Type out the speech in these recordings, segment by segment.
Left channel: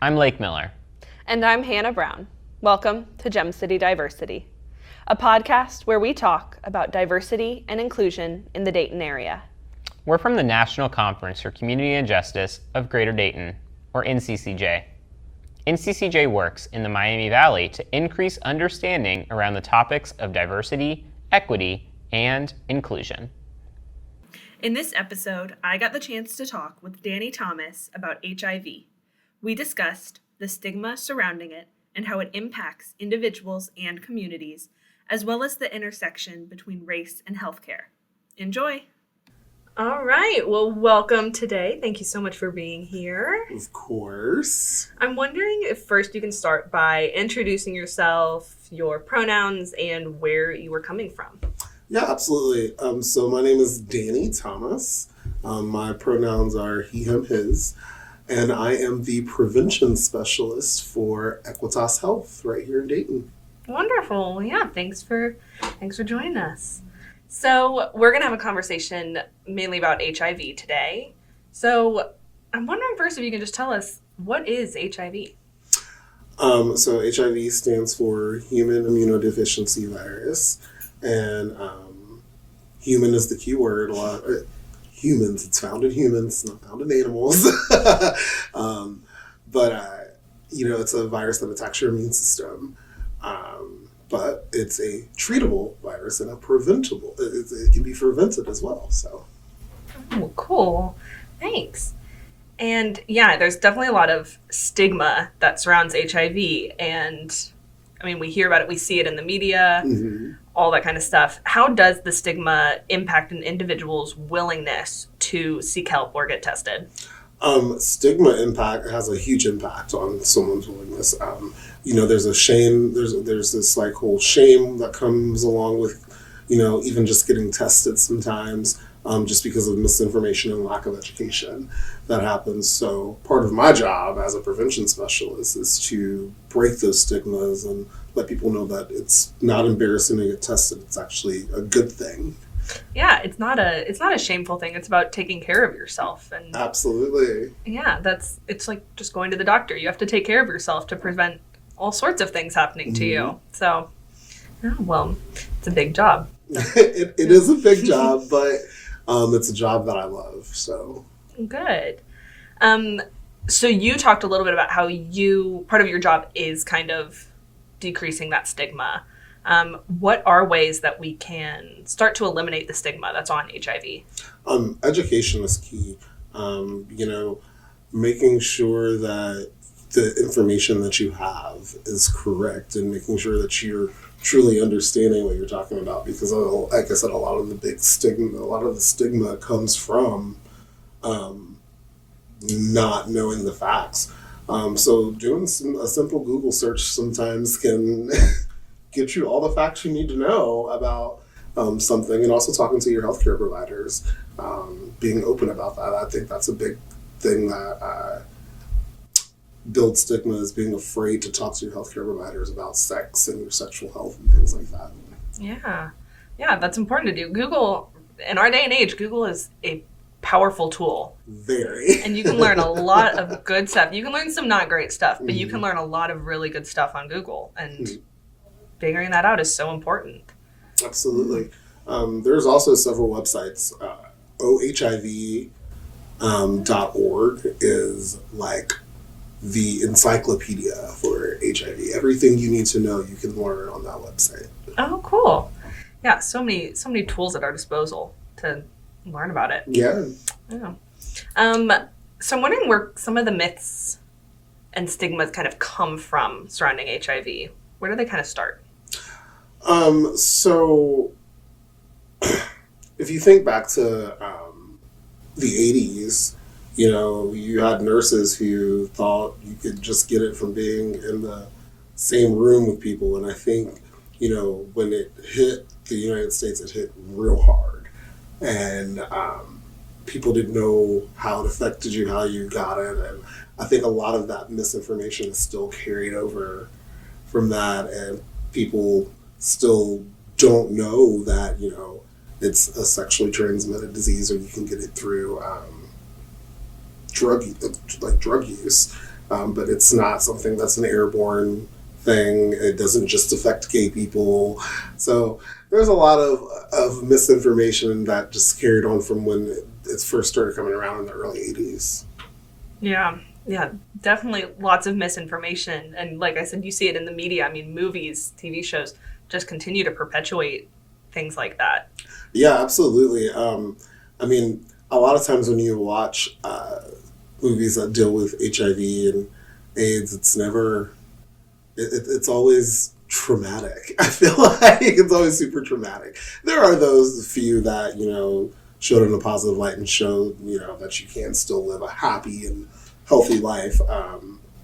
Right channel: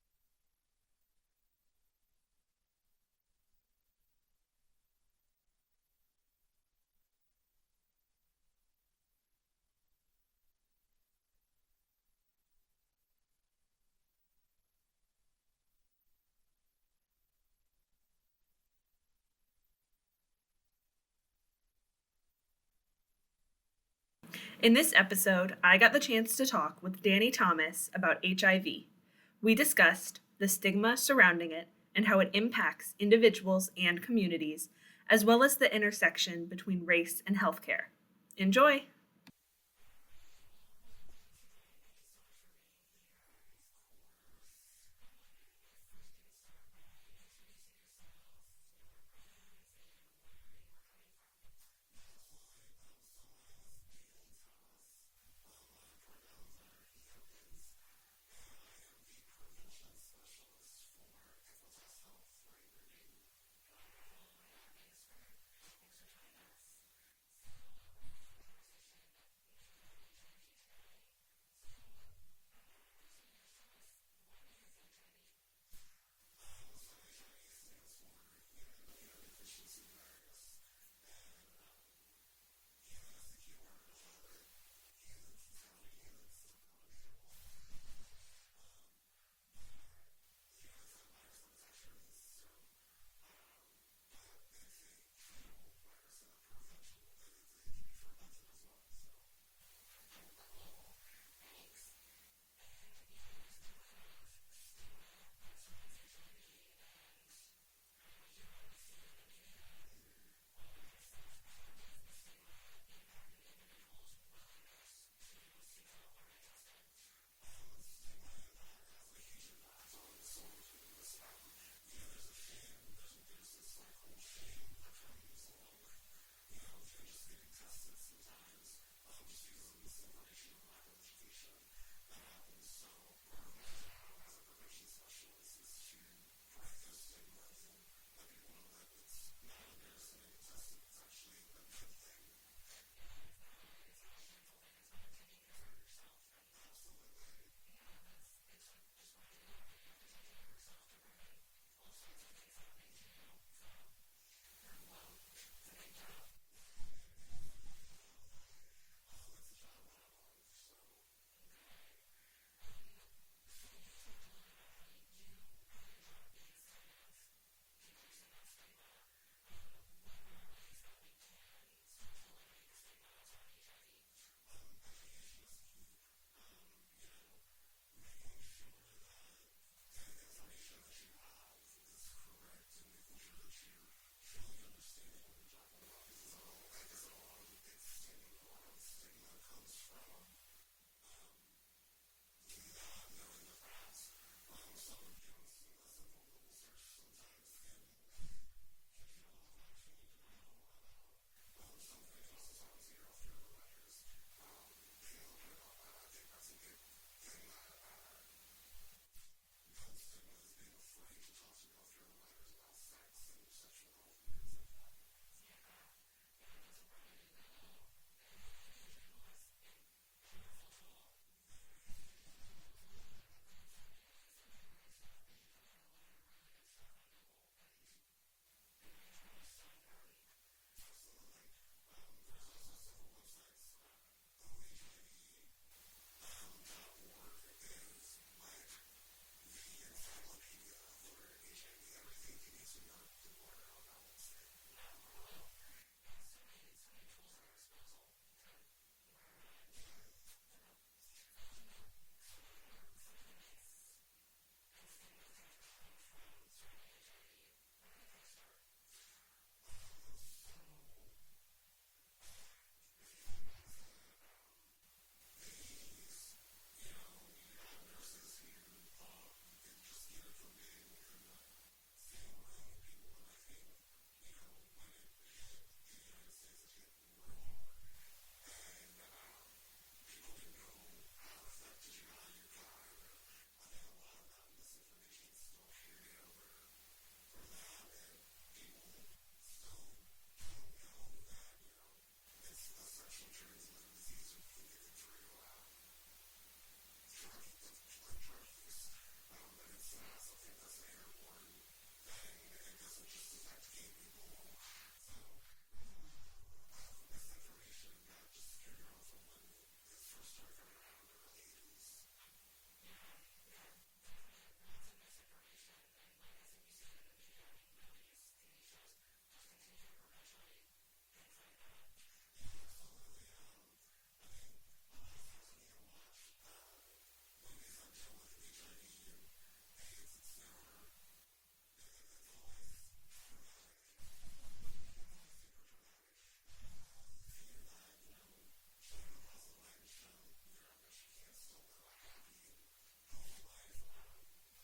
I'm Lake Miller. And I'm Hannah Brown. Welcome to Gem City Diversity, a podcast where we talk about diversity and inclusion in the Dayton area. We're from the National Conference for Community and Justice of Greater Dayton, or NCCJ. NCCJ works in the Miami Valley to increase understanding around the topics of diversity, equity, and inclusion. In this episode, I got the chance to talk with Danny Thomas about HIV. We discussed the stigma surrounding it and how it impacts individuals and communities, as well as the intersection between race and healthcare. Enjoy! All right, well, welcome today. Thank you so much for being here. Of course. I'm wondering if first you can start by introducing yourself, your pronouns, and where you were coming from. Yeah, absolutely. So my name is Danny Thomas. My pronouns are he, him, his. And I am the prevention specialist for Equitas Health right here in Dayton. Wonderful. Yeah, thanks for joining us. So we're going to have a conversation mainly about HIV today. So I'm wondering first if you can just tell us, what is HIV? So HIV stands for Human Immunodeficiency Virus. And human is the key word. Humans, it's found in humans, not found in animals. But it's a virus that attacks your immune system. But it's a treatable virus and a preventable. It can be prevented as well. So, oh, cool. Thanks. And yeah, there's definitely a lot of stigma that surrounds HIV. And I mean, we hear about it, we see it in the media, all that kind of stuff. How does the stigma impact an individual's willingness to seek help or get tested? Stigma impact has a huge impact on someone's willingness. There's a shame. There's this like whole shame that comes along with, even just getting tested sometimes, just because of misinformation and lack of education that happens. So part of my job as a prevention specialist is to break those stigmas and let people know that it's not embarrassing to get tested. It's actually a good thing. Yeah, it's not a shameful thing. It's about taking care of yourself. And absolutely. Yeah, it's like just going to the doctor. You have to take care of yourself to prevent all sorts of things happening to you. So, well, it's a big job. It is a big job, but it's a job that I love. So good. So you talked a little bit about how part of your job is kind of decreasing that stigma. What are ways that we can start to eliminate the stigma that's on HIV? Education is key. Making sure that the information that you have is correct and making sure that you're truly understanding what you're talking about. Because, like I said, a lot of the stigma comes from not knowing the facts. So doing a simple Google search sometimes can get you all the facts you need to know about something, and also talking to your healthcare providers, being open about that. I think that's a big thing that builds stigma, is being afraid to talk to your healthcare providers about sex and your sexual health and things like that. Yeah, that's important to do. Google, in our day and age, Google is a powerful tool. Very. And you can learn a lot of good stuff. You can learn some not great stuff, but you can learn a lot of really good stuff on Google. And figuring that out is so important. Absolutely. There's also several websites. OHIV.org is like the encyclopedia for HIV. Everything you need to know, you can learn on that website. Oh, cool. Yeah, so many tools at our disposal to learn about it. Yeah. So I'm wondering where some of the myths and stigmas kind of come from surrounding HIV. Where do they kind of start? So if you think back to the 80s, you had nurses who thought you could just get it from being in the same room with people. And I think, when it hit the United States, it hit real hard. And people didn't know how it affected you, how you got it. And I think a lot of that misinformation is still carried over from that. And people still don't know that, it's a sexually transmitted disease, or you can get it through drug use. but it's not something that's an airborne thing. It doesn't just affect gay people. So there's a lot of misinformation that just carried on from when it first started coming around in the early 80s. Yeah, definitely lots of misinformation. And like I said, you see it in the media. I mean, movies, TV shows just continue to perpetuate things like that. Yeah, absolutely. I mean, a lot of times when you watch movies that deal with HIV and AIDS, it's always traumatic. I feel like it's always super traumatic. There are those few that, showed in a positive light and showed, that you can still live a happy and healthy life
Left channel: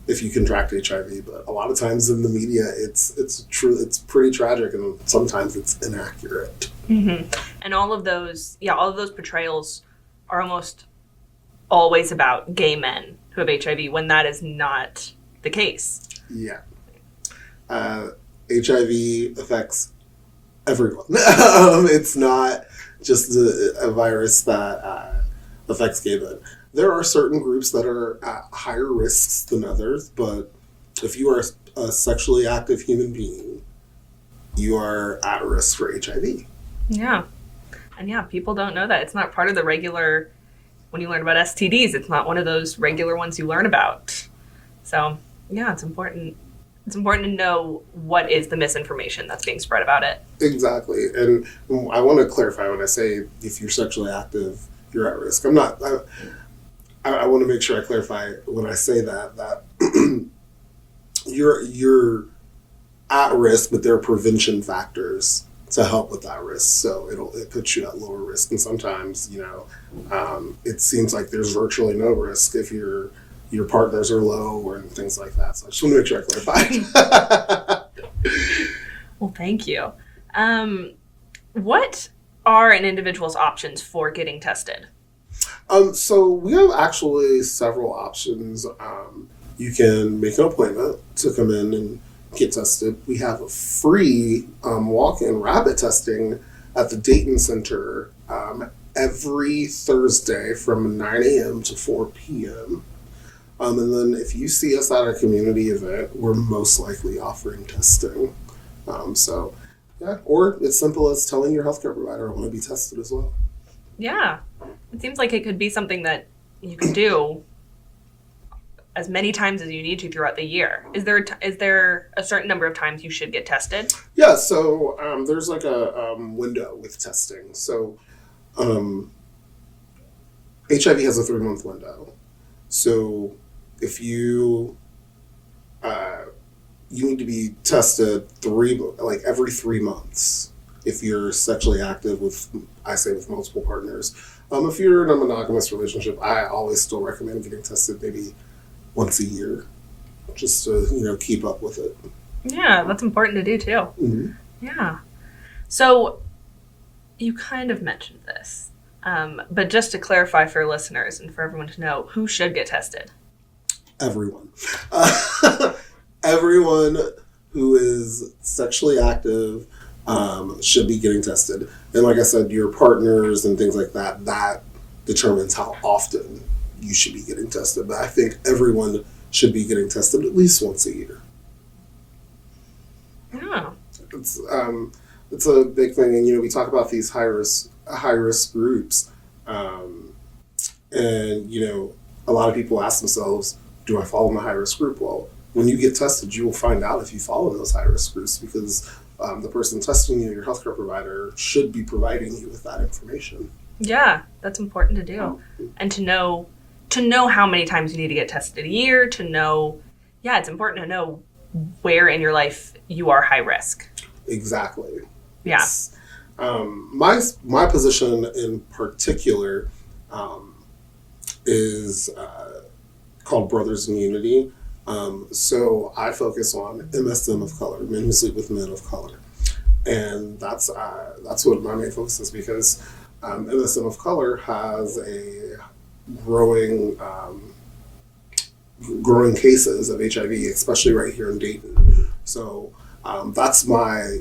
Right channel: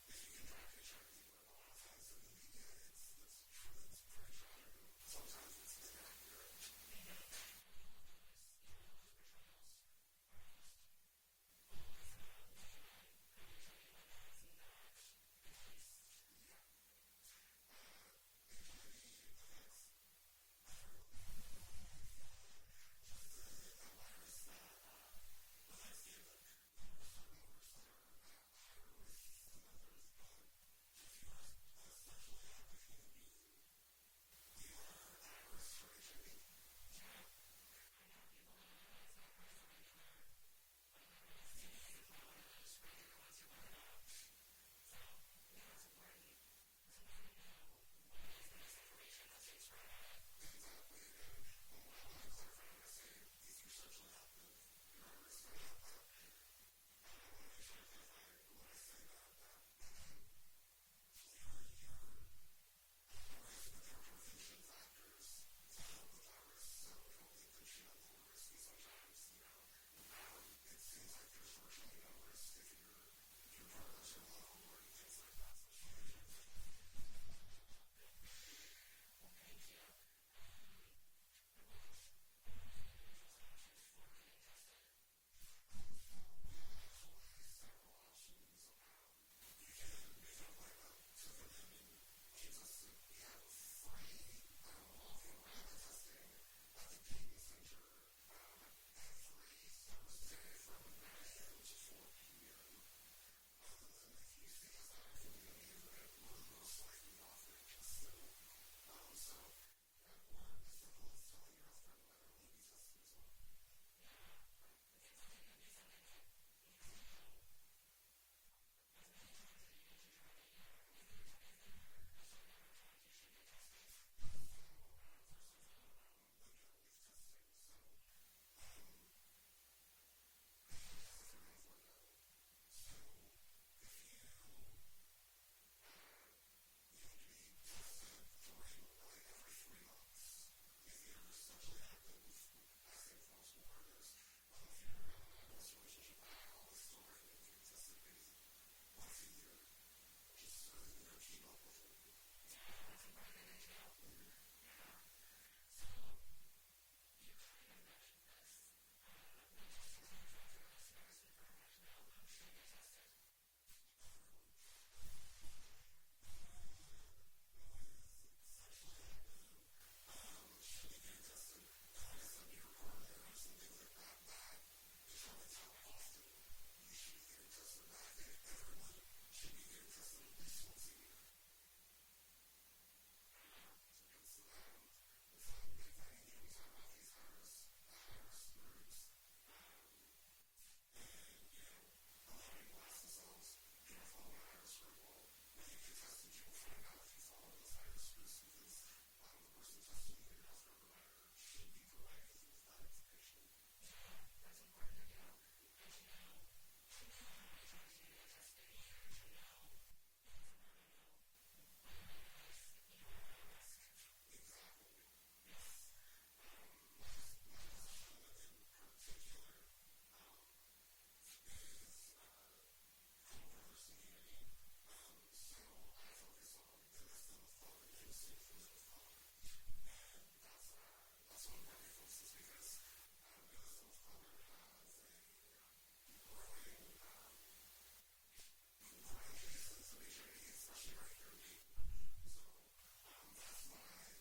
if you contract HIV. But a lot of times in the media, it's true. It's pretty tragic, and sometimes it's inaccurate. Mm-hmm. And all of those portrayals are almost always about gay men who have HIV, when that is not the case. Yeah. HIV affects everyone. It's not just a virus that affects gay men. There are certain groups that are at higher risks than others, but if you are a sexually active human being, you are at risk for HIV. Yeah. And yeah, people don't know that. It's not part of the regular, when you learn about STDs, it's not one of those regular ones you learn about. So yeah, it's important. It's important to know what is the misinformation that's being spread about it. Exactly. And I want to clarify when I say if you're sexually active, you're at risk. I want to make sure I clarify when I say that you're at risk, but there are prevention factors to help with that risk. So it puts you at lower risk. And sometimes, it seems like there's virtually no risk if your partners are low or things like that. So I just want to make sure I clarify. Well, thank you. What are an individual's options for getting tested? So we have actually several options. You can make an appointment to come in and get tested. We have a free walk-in rapid testing at the Dayton Center every Thursday from 9 a.m. to 4 p.m. And then if you see us at a community event, we're most likely offering testing. Or it's simple as telling your healthcare provider I want to be tested as well. Yeah. It seems like it could be something that you can do as many times as you need to throughout the year. Is there a certain number of times you should get tested? Yeah, so there's like a window with testing. So HIV has a 3-month window. So if you need to be tested every 3 months if you're sexually active with multiple partners. If you're in a monogamous relationship, I always still recommend getting tested maybe once a year, just to keep up with it. Yeah, that's important to do too. Mm-hmm. Yeah. So you kind of mentioned this, but just to clarify for listeners and for everyone to know, who should get tested? Everyone. Everyone who is sexually active should be getting tested. And like I said, your partners and things like that determines how often you should be getting tested. But I think everyone should be getting tested at least once a year. Yeah. It's a big thing. And, we talk about these high risk groups. And, a lot of people ask themselves, do I fall in the high risk group? Well, when you get tested, you will find out if you fall in those high risk groups, because the person testing you, your healthcare provider, should be providing you with that information. Yeah, that's important to do. And to know how many times you need to get tested a year, it's important to know where in your life you are high risk. Exactly. Yeah. My position in particular is called Brothers in Unity. So I focus on MSM of color, men who sleep with men of color. And that's what my main focus is, because MSM of color has a growing cases of HIV, especially right here in Dayton. So that's my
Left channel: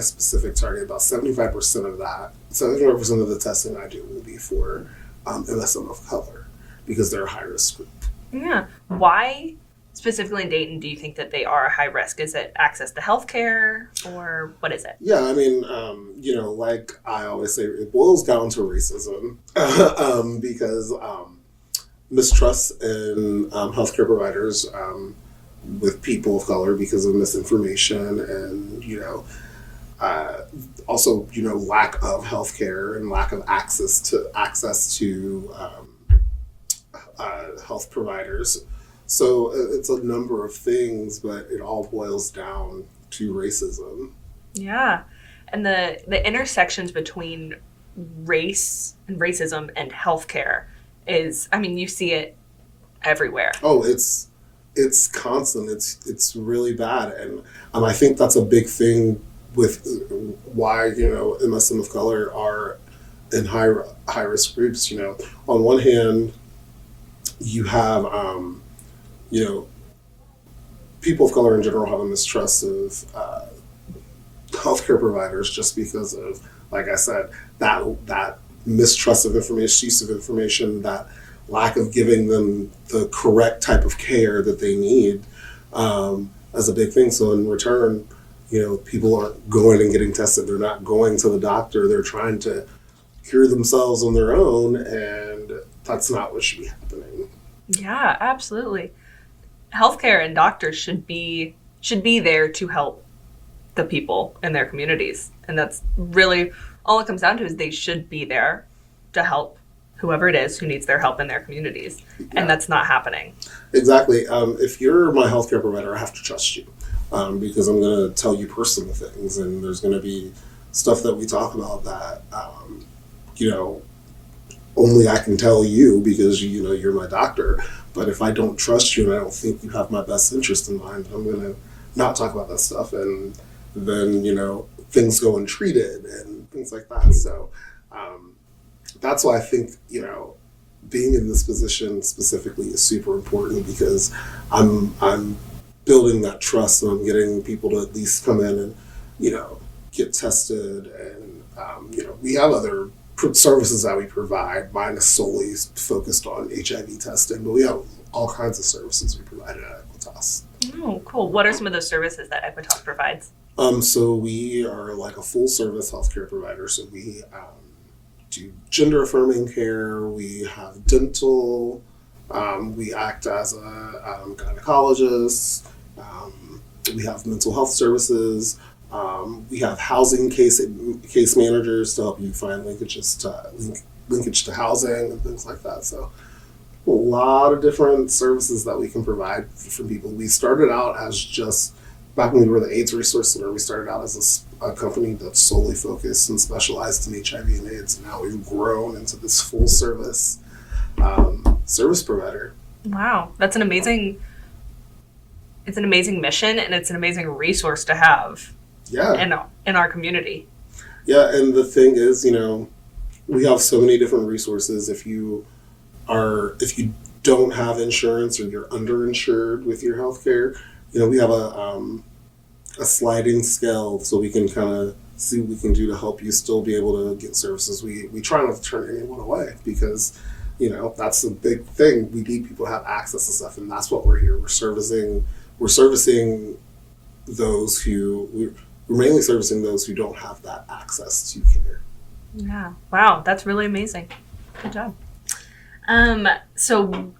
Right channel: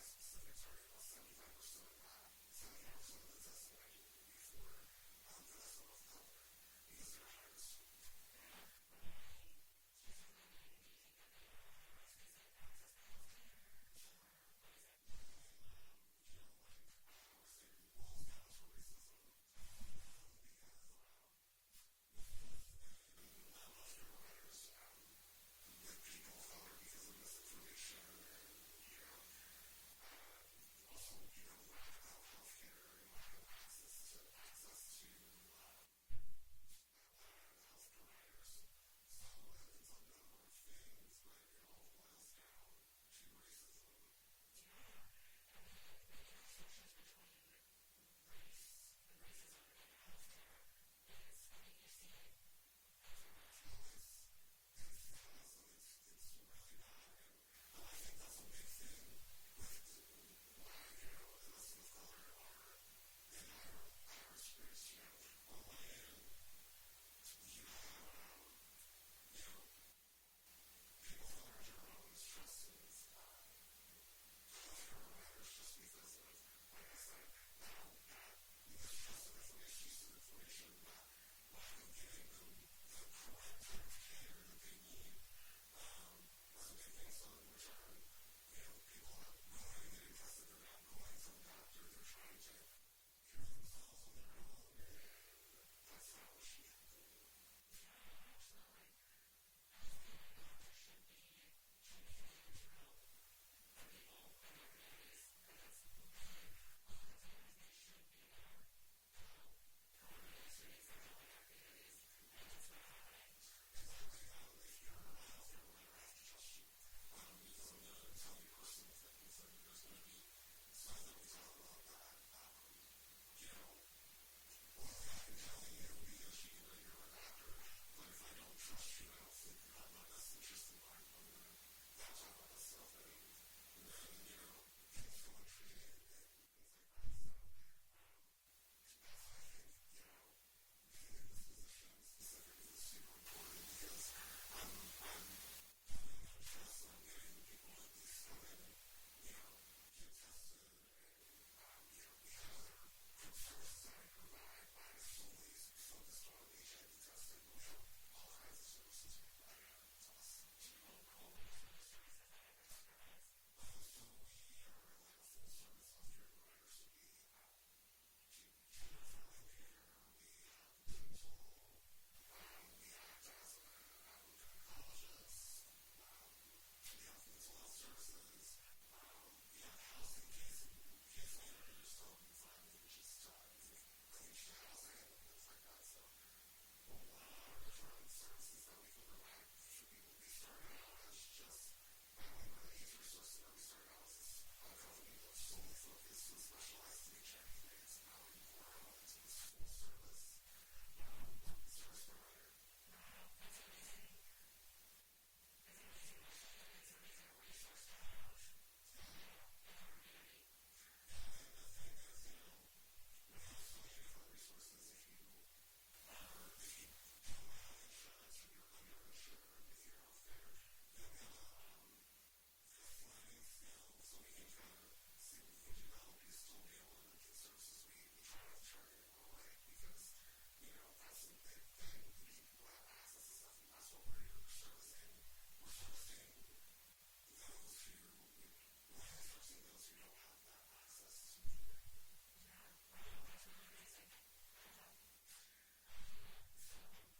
specific target. About 75% of that, 75% of the testing I do will be for MSM of color, because they're a high risk group. Yeah. Why specifically in Dayton, do you think that they are high risk? Is it access to healthcare, or what is it? Yeah, I mean, like I always say, it boils down to racism because mistrust in healthcare providers with people of color because of misinformation and, uh, also, lack of healthcare and lack of access to health providers. So it's a number of things, but it all boils down to racism. Yeah. And the intersections between race and racism and healthcare is, I mean, you see it everywhere. Oh, it's constant. It's really bad, and I think that's a big thing with why MSM of color are in high risk groups. On one hand, you have you know people of color in general have a mistrust of healthcare providers just because of, like I said, that mistrust of information, use of information, that lack of giving them the correct type of care that they need as a big thing. So in return, people aren't going and getting tested. They're not going to the doctor. They're trying to cure themselves on their own, and that's not what should be happening. Yeah, absolutely. Healthcare and doctors should be there to help the people in their communities. And that's really all it comes down to, is they should be there to help whoever it is who needs their help in their communities. Yeah. And that's not happening. Exactly. If you're my healthcare provider, I have to trust you because I'm going to tell you personal things, and there's going to be stuff that we talk about that, only I can tell you because, you're my doctor. But if I don't trust you and I don't think you have my best interest in mind, I'm going to not talk about that stuff. And then, things go untreated and things like that. So that's why I think, being in this position specifically is super important, because I'm building that trust, and I'm getting people to at least come in and, get tested. And, we have other services that we provide. Mine is solely focused on HIV testing, but we have all kinds of services we provide at Equitas. Oh, cool. What are some of those services that Equitas provides? So we are like a full service healthcare provider. So we do gender affirming care. We have dental. We act as a gynecologist. We have mental health services. We have housing case managers to help you find linkage to housing and things like that. So a lot of different services that we can provide for people. We started out as just, back when we were the AIDS Resource Center, we started out as a company that's solely focused and specialized in HIV and AIDS. And now we've grown into this full service service provider. Wow, that's an amazing mission, and it's an amazing resource to have. Yeah. In our community. Yeah, and the thing is, we have so many different resources. If you don't have insurance or you're underinsured with your healthcare, we have a sliding scale, so we can kind of see what we can do to help you still be able to get services. We try not to turn anyone away, because that's the big thing. We need people to have access to stuff, and that's what we're here. We're servicing those who we're mainly servicing those who don't have that access to care. Yeah. Wow, that's really amazing. Good job. So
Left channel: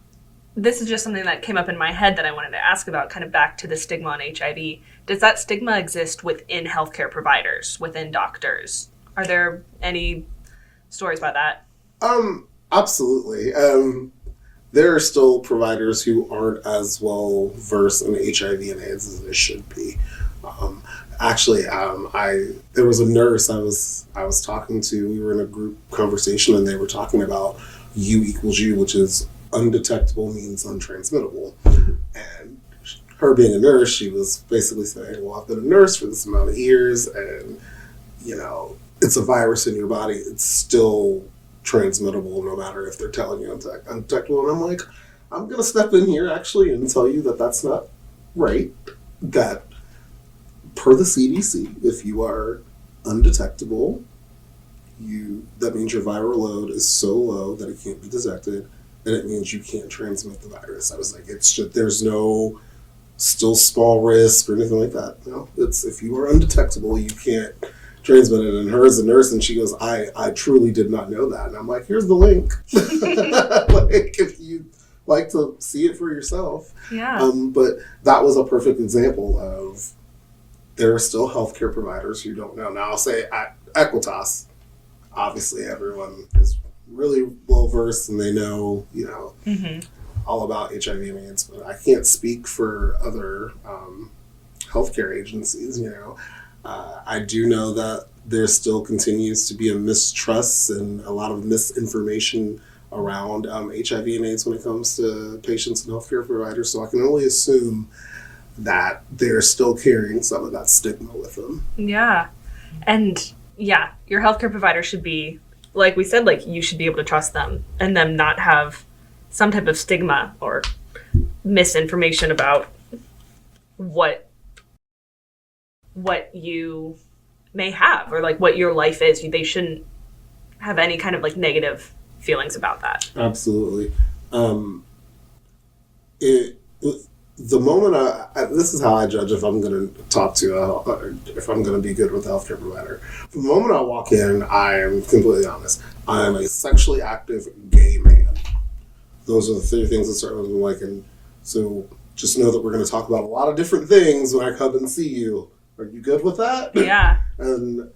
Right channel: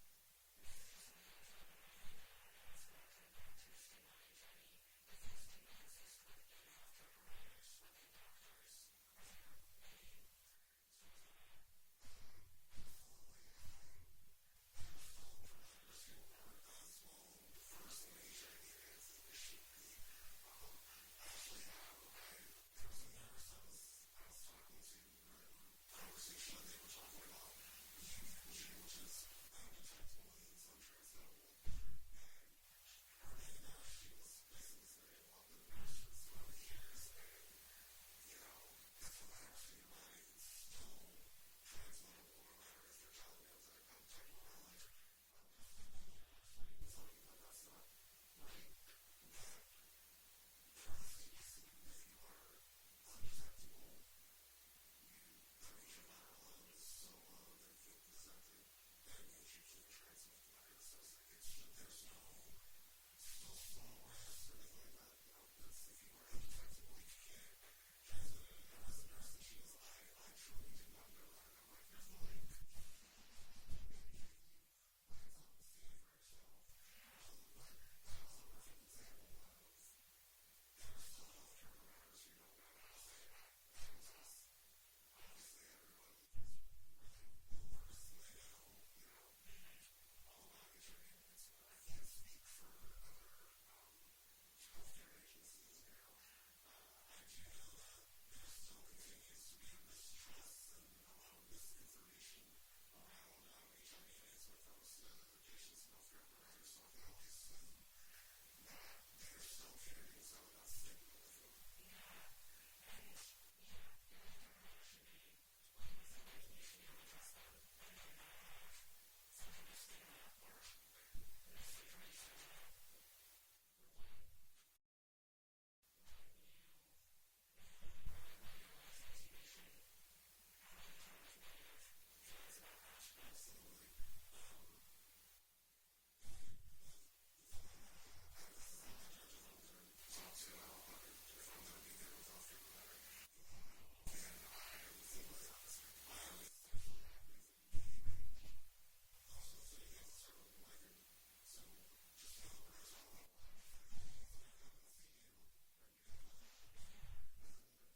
this is just something that came up in my head that I wanted to ask about, kind of back to the stigma on HIV. Does that stigma exist within healthcare providers, within doctors? Are there any stories about that? Absolutely. There are still providers who aren't as well versed in HIV and AIDS as they should be. Actually, there was a nurse I was talking to. We were in a group conversation, and they were talking about U equals U, which is undetectable means untransmittable. And her being a nurse, she was basically saying, well, I've been a nurse for this amount of years, and it's a virus in your body. It's still transmittable no matter if they're telling you undetectable. And I'm like, I'm going to step in here actually and tell you that that's not right. That per the CDC, if you are undetectable, that means your viral load is so low that it can't be detected, and it means you can't transmit the virus. I was like, it's just, there's no still small risk or anything like that. No, it's if you are undetectable, you can't transmit it. And her as a nurse, and she goes, I truly did not know that. And I'm like, here's the link. Like, if you like to see it for yourself. Yeah. But that was a perfect example of there are still healthcare providers who don't know. Now I'll say at Equitas, obviously everyone is really well versed and they know, all about HIV and AIDS, but I can't speak for other healthcare agencies. I do know that there still continues to be a mistrust and a lot of misinformation around HIV and AIDS when it comes to patients and healthcare providers. So I can only assume that they're still carrying some of that stigma with them. Yeah. And yeah, your healthcare provider should be, like we said, like you should be able to trust them and them not have some type of stigma or misinformation about what you may have or like what your life is. They shouldn't have any kind of like negative feelings about that. Absolutely. The moment this is how I judge if I'm going to talk to, if I'm going to be good with a healthcare provider. From the moment I walk in, I am completely honest. I am a sexually active gay man. Those are the three things that start with me like, and so just know that we're going to talk about a lot of different things when I come and see you. Are you good with that? Yeah. And,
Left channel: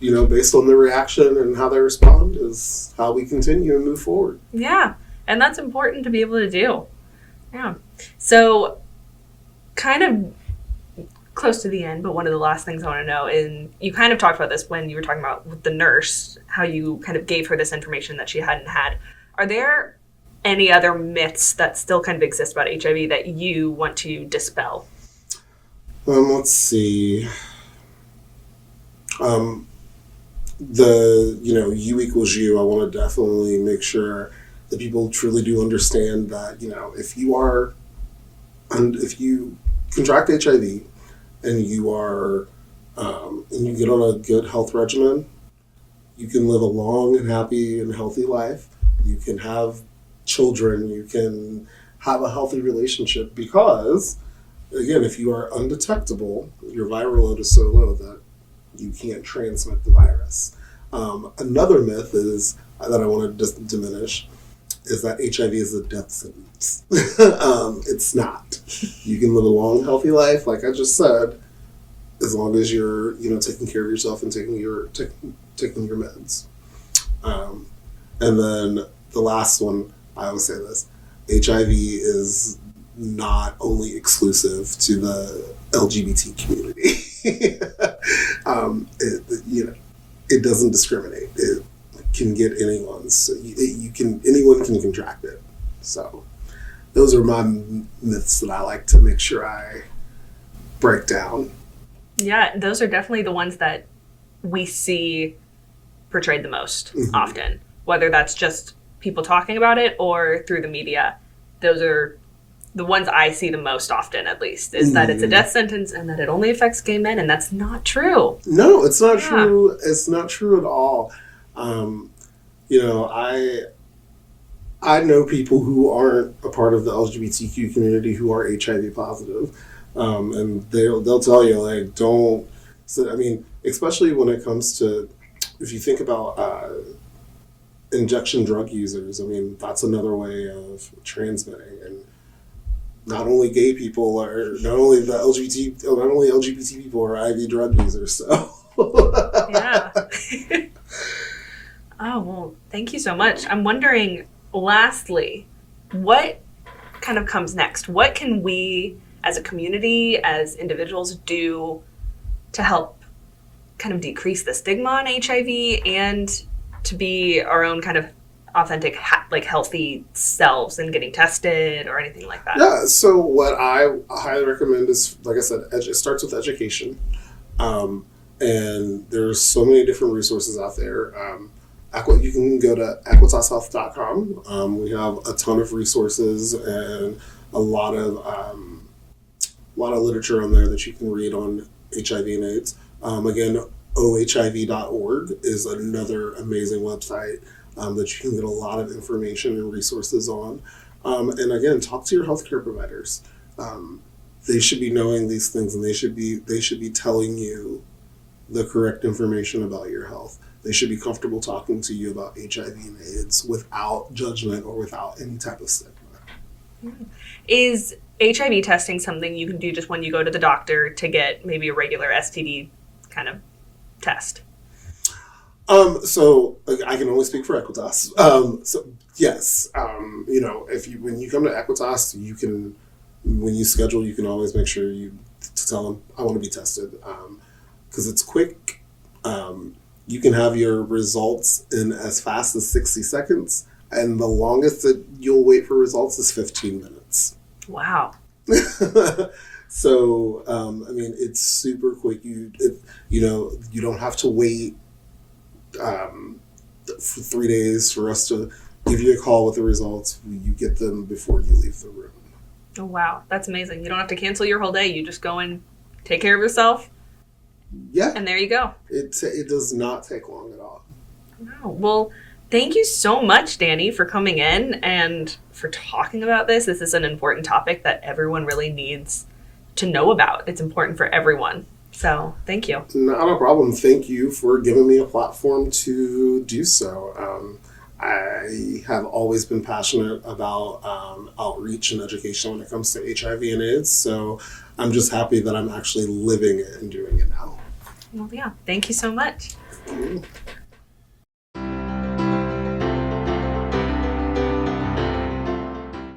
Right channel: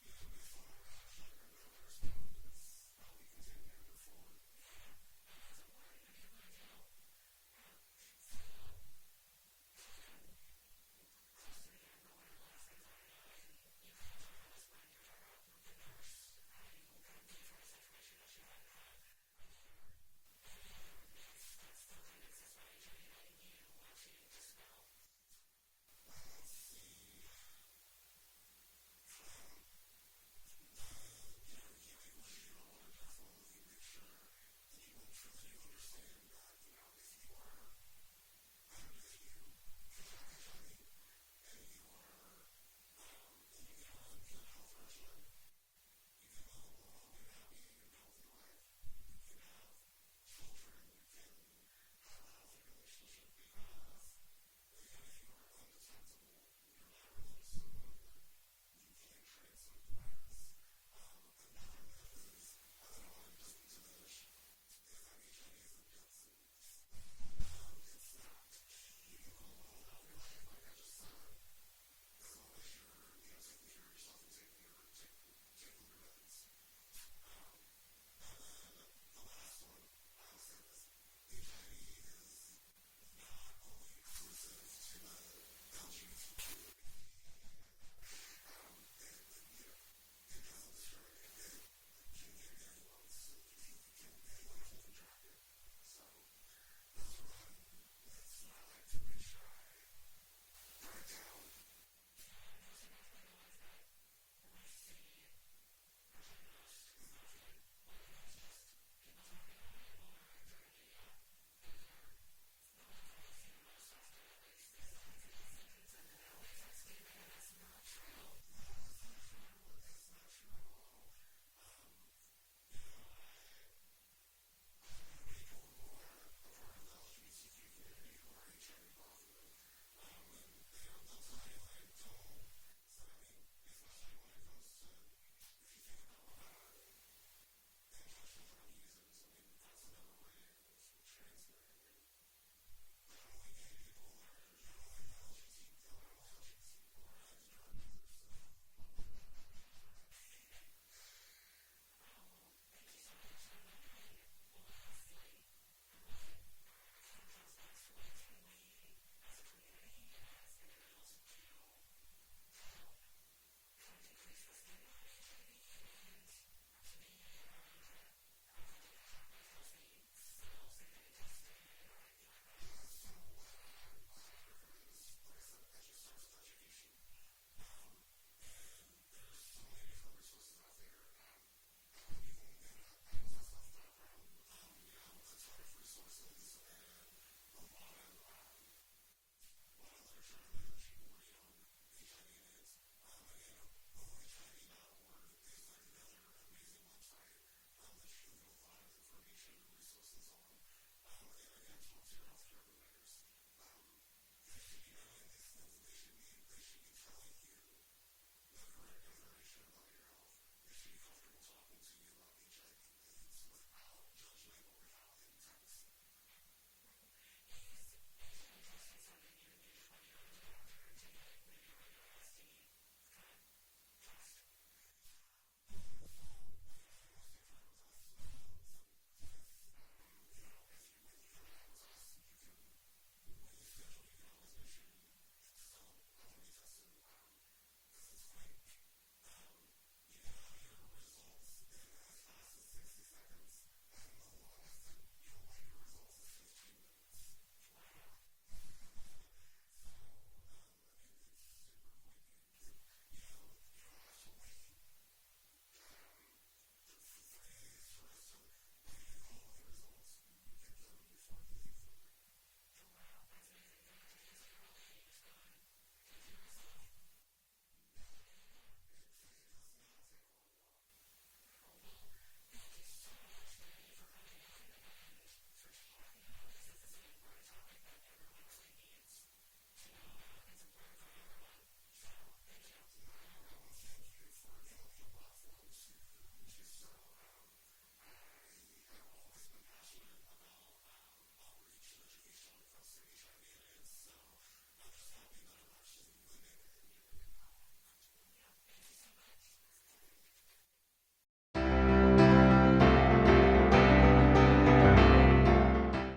based on their reaction and how they respond is how we continue and move forward. Yeah. And that's important to be able to do. Yeah. So kind of close to the end, but one of the last things I want to know, and you kind of talked about this when you were talking about with the nurse, how you kind of gave her this information that she hadn't had. Are there any other myths that still kind of exist about HIV that you want to dispel? Let's see. The U equals you. I want to definitely make sure that people truly do understand that if you contract HIV and you are and you get on a good health regimen, you can live a long and happy and healthy life. You can have children. You can have a healthy relationship because, again, if you are undetectable, your viral load is so low that you can't transmit the virus. Another myth is that I want to diminish is that HIV is a death sentence. It's not. You can live a long, healthy life, like I just said, as long as you're, taking care of yourself and taking your meds. And then the last one, I always say this: HIV is not only exclusive to the LGBT community. It doesn't discriminate. It can get anyone. So anyone can contract it. So those are my myths that I like to make sure I break down. Yeah, those are definitely the ones that we see portrayed the most often, whether that's just people talking about it or through the media. Those are the ones I see the most often, at least, is that it's a death sentence and that it only affects gay men, and that's not true. No, it's not true. It's not true at all. I know people who aren't a part of the LGBTQ community who are HIV positive, and they'll tell you, like, don't. So, I mean, especially when it comes to, if you think about injection drug users, I mean, that's another way of transmitting. And not only gay people not only LGBT people are IV drug users. So yeah. Oh, well, thank you so much. I'm wondering, lastly, what kind of comes next? What can we as a community, as individuals, do to help kind of decrease the stigma on HIV and to be our own kind of authentic, healthy selves and getting tested or anything like that? Yeah, so what I highly recommend is, like I said, it starts with education. And there's so many different resources out there. You can go to equitashealth.com. We have a ton of resources and a lot of literature on there that you can read on HIV and AIDS. Again, ohiv.org is another amazing website. that you can get a lot of information and resources on. And again, talk to your healthcare providers. They should be knowing these things, and they should be telling you the correct information about your health. They should be comfortable talking to you about HIV and AIDS without judgment or without any type of stigma. Is HIV testing something you can do just when you go to the doctor to get maybe a regular STD kind of test? So I can only speak for Equitas. So yes, when you come to Equitas, you can, when you schedule, you can always make sure to tell them, I want to be tested, because it's quick. You can have your results in as fast as 60 seconds, and the longest that you'll wait for results is 15 minutes. Wow. So, it's super quick. You don't have to wait for 3 days for us to give you a call with the results. You get them before you leave the room. Oh, wow. That's amazing. You don't have to cancel your whole day. You just go and take care of yourself. Yeah. And there you go. It does not take long at all. Wow. Well, thank you so much, Danny, for coming in and for talking about this. This is an important topic that everyone really needs to know about. It's important for everyone. So thank you. Not a problem. Thank you for giving me a platform to do so. I have always been passionate about outreach and education when it comes to HIV and AIDS. So I'm just happy that I'm actually living it and doing it now. Well, yeah. Thank you so much. Mm-hmm.